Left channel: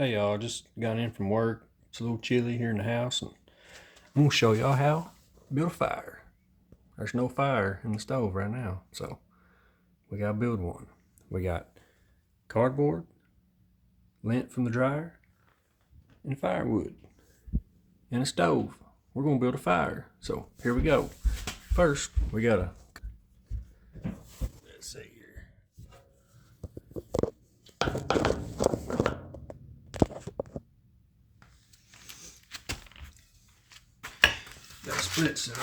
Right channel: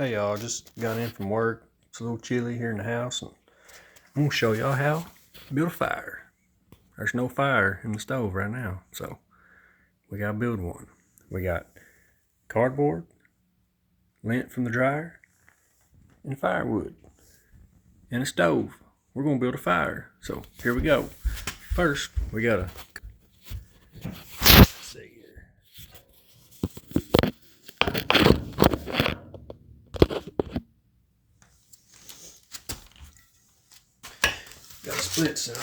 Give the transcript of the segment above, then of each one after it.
Hey y'all, just got in from work. It's a little chilly here in the house, and I'm gonna show y'all how to build a fire. There's no fire in the stove right now, so we gotta build one. We got cardboard, lint from the dryer, and firewood, and a stove. We're gonna build a fire, so here we go. First, we gotta, let's see here. Gotta split some.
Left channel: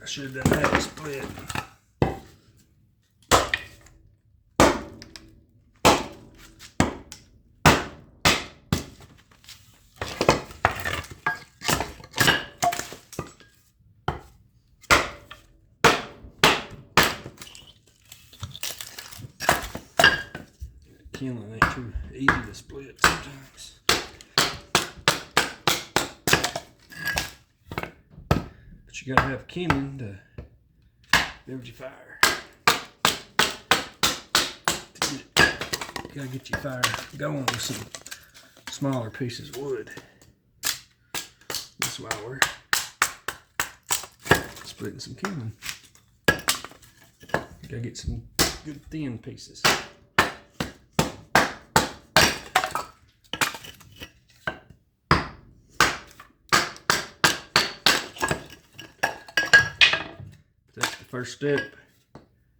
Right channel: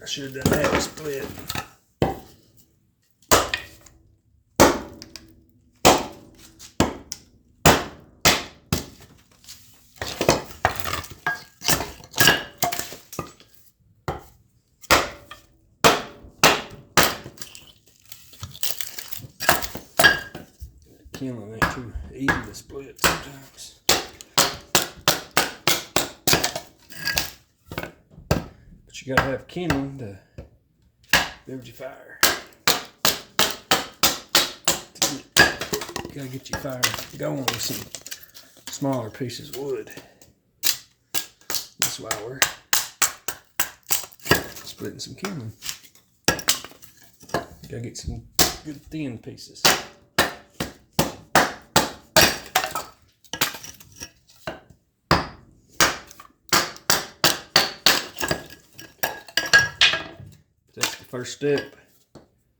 I should have done that to split. Kindling ain't too easy to split sometimes. But you gotta have kindling to build your fire. You gotta get your fire going with some smaller pieces of wood. That's why we're splitting some kindling. You gotta get some good thin pieces. That's the first step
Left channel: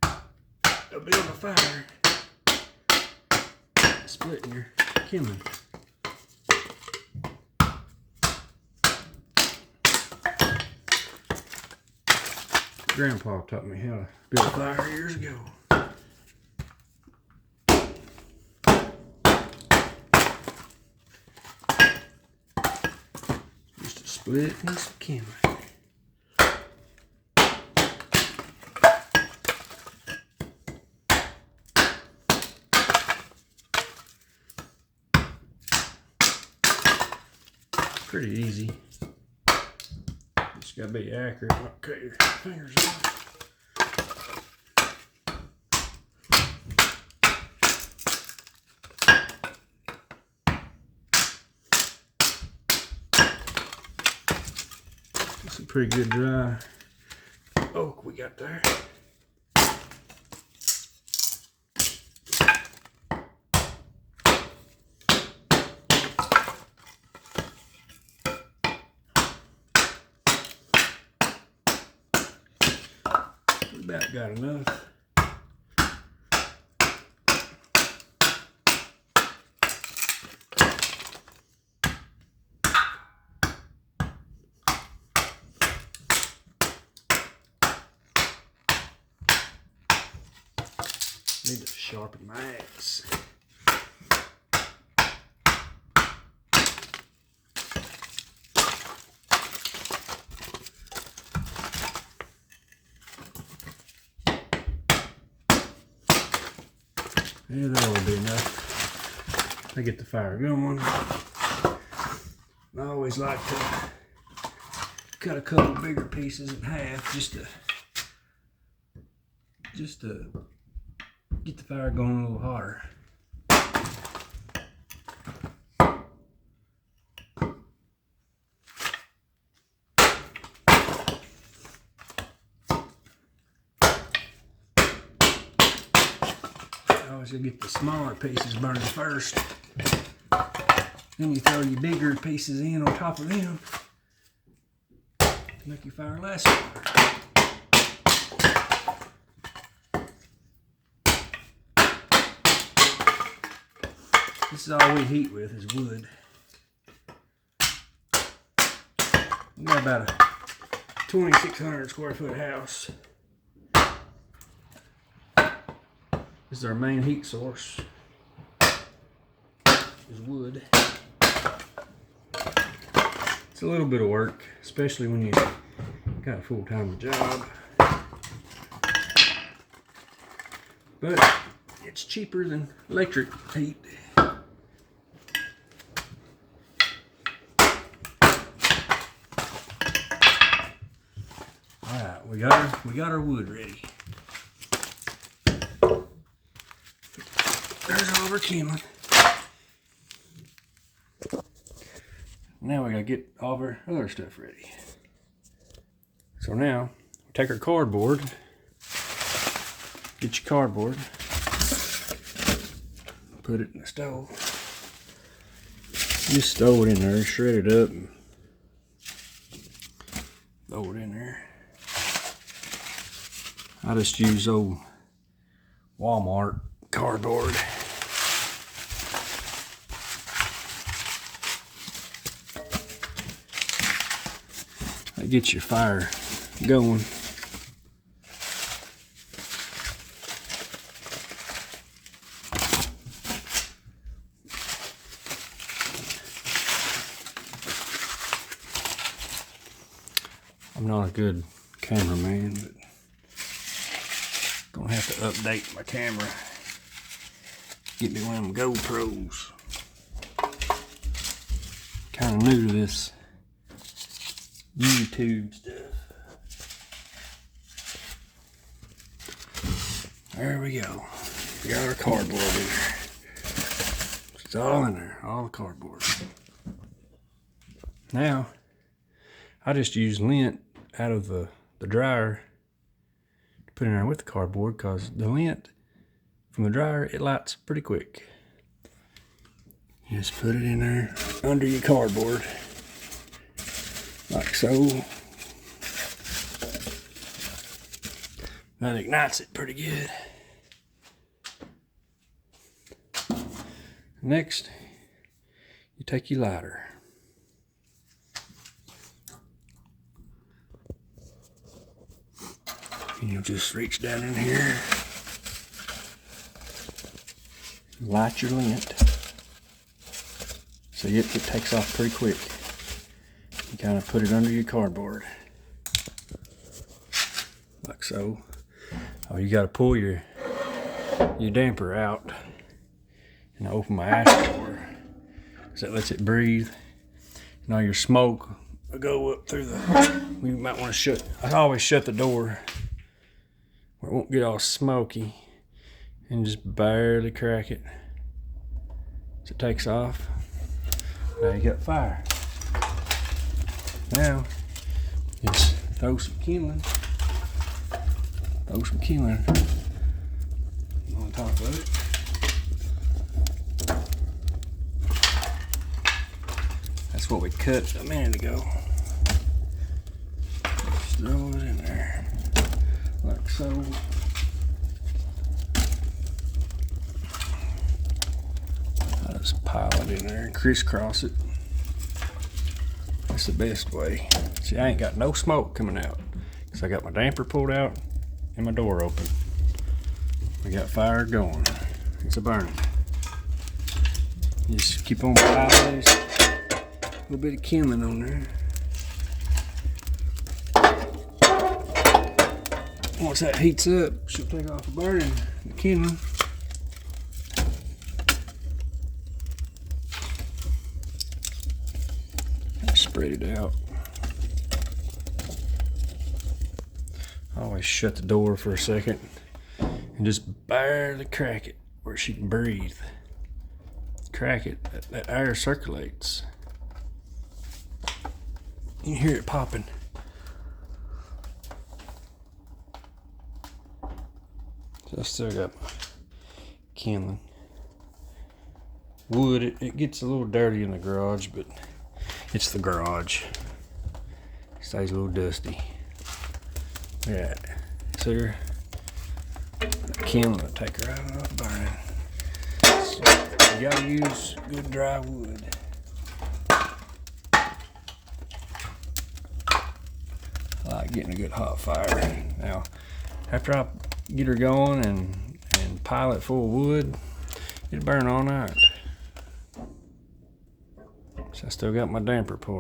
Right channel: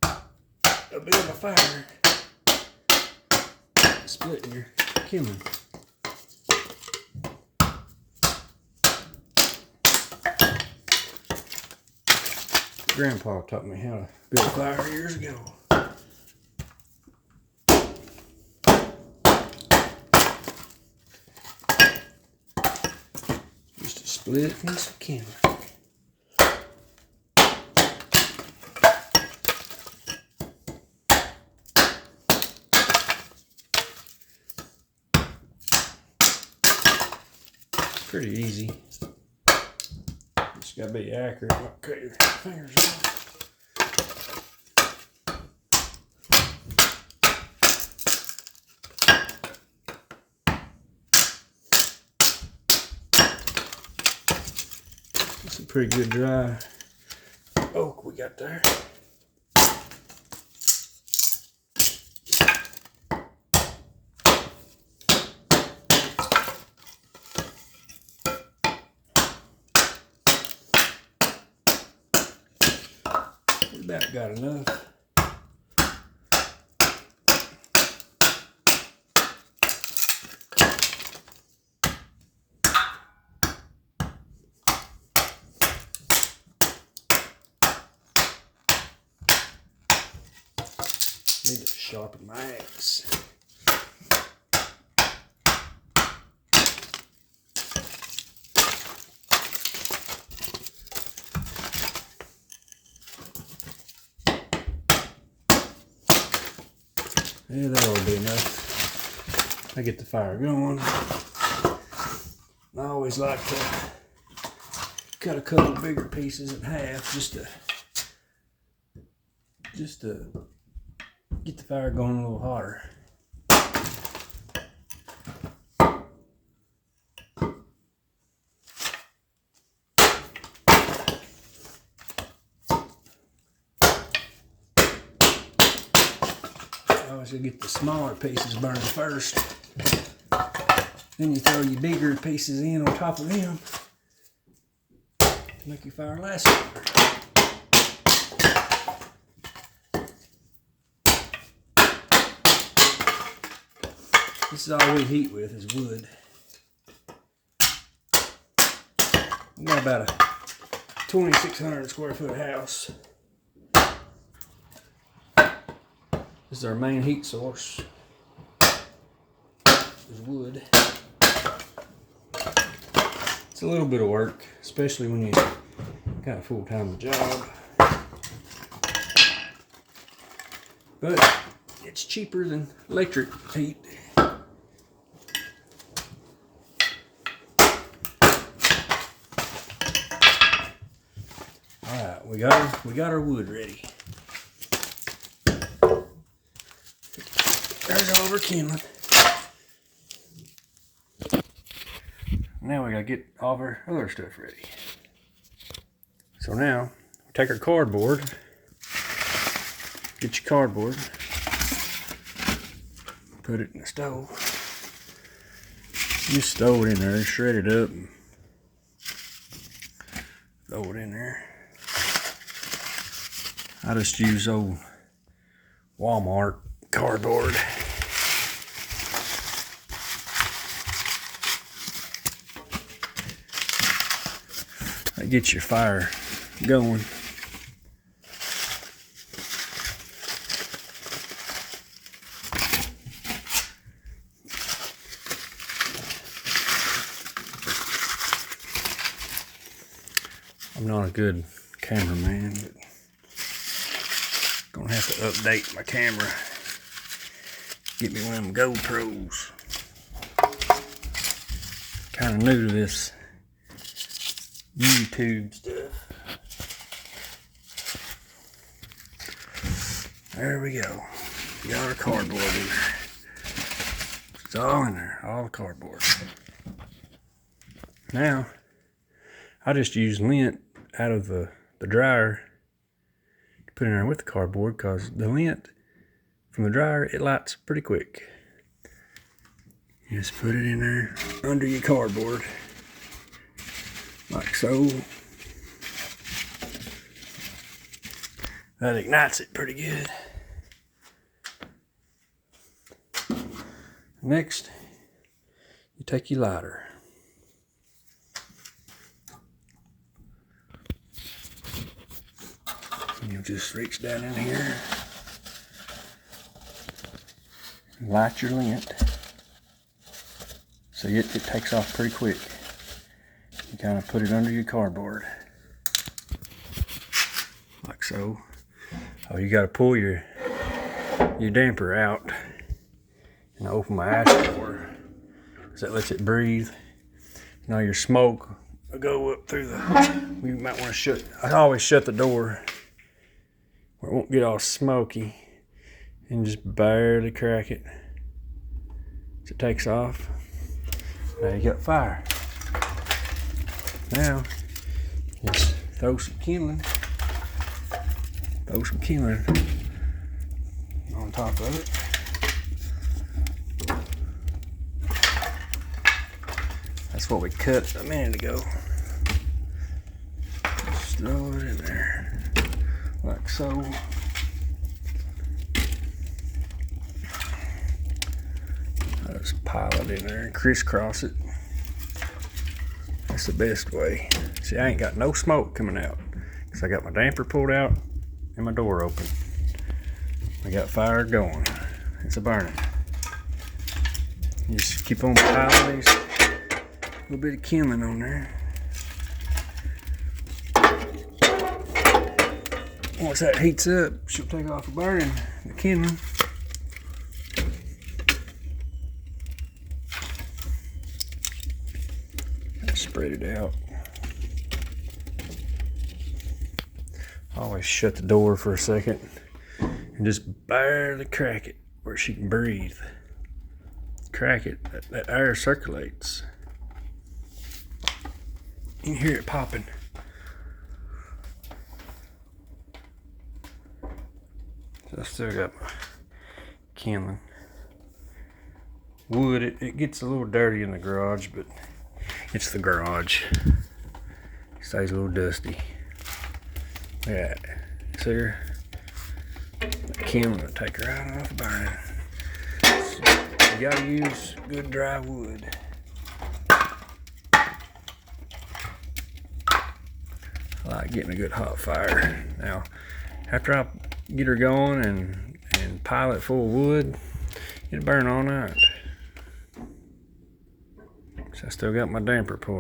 of building a fire. Splitting your kindling. Grandpa taught me how to build a fire years ago. Just a split and some kindling. Pretty easy. Just gotta be accurate, not cut your fingers off. It's a pretty good dry oak we got there. About got enough. Need to sharpen my axe. Yeah, that'll be enough. I get the fire going. I always like to cut a couple bigger pieces in half just to get the fire going a little hotter. Always gotta get the smaller pieces burned first. Then you throw your bigger pieces in on top of them to make your fire last longer. This is all we heat with is wood. We got about a 2,600 square foot house. This is our main heat source, is wood. It's a little bit of work, especially when you got a full-time job. But it's cheaper than electric heat. Alright, we got our wood ready. There's all of our kindling. Now we gotta get all of our other stuff ready. So now, we take our cardboard. Get your cardboard. Put it in the stove. Just throw it in there, shred it up. And throw it in there. I just use old Walmart cardboard. That gets your fire going. I'm not a good cameraman, but gonna have to update my camera. Get me one of them GoPros. Kind of new to this YouTube stuff. There we go. We got our cardboard in there. It's all in there, all the cardboard. Now, I just use lint out of the dryer to put in there with the cardboard, because the lint from the dryer, it lights pretty quick. You just put it in there under your cardboard, like so. That ignites it pretty good. Next, you take your lighter. You just reach down in here, light your lint. So it takes off pretty quick. You kind of put it under your cardboard, like so. Oh, you got to pull your damper out and open my ash door, because that lets it breathe. Now your smoke will go up through the. You might want to shut. I always shut the door where it won't get all smoky, and just barely crack it so it takes off. Now you got fire. Now just throw some kindling. Throw some kindling on top of it. That's what we cut a minute ago. Just throw it in there, like so. I just pile it in there and crisscross it. That's the best way. See, I ain't got no smoke coming out, because I got my damper pulled out and my door open. I got fire going. It's a burning. You just keep on piling these little bit of kindling on there. Once that heats up, she'll take off the burning, the kindling. Spread it out. Always shut the door for a second and just barely crack it where she can breathe. Crack it, that air circulates. You can hear it popping. So I still got my kindling. Wood, it gets a little dirty in the garage, but it's the garage. It stays a little dusty. Look at that. See her? That kindling will take her right off burning. So you gotta use good dry wood. I like getting a good hot fire. Now, after I get her going and pile it full of wood, it'll burn all night. So I still got my damper pulled.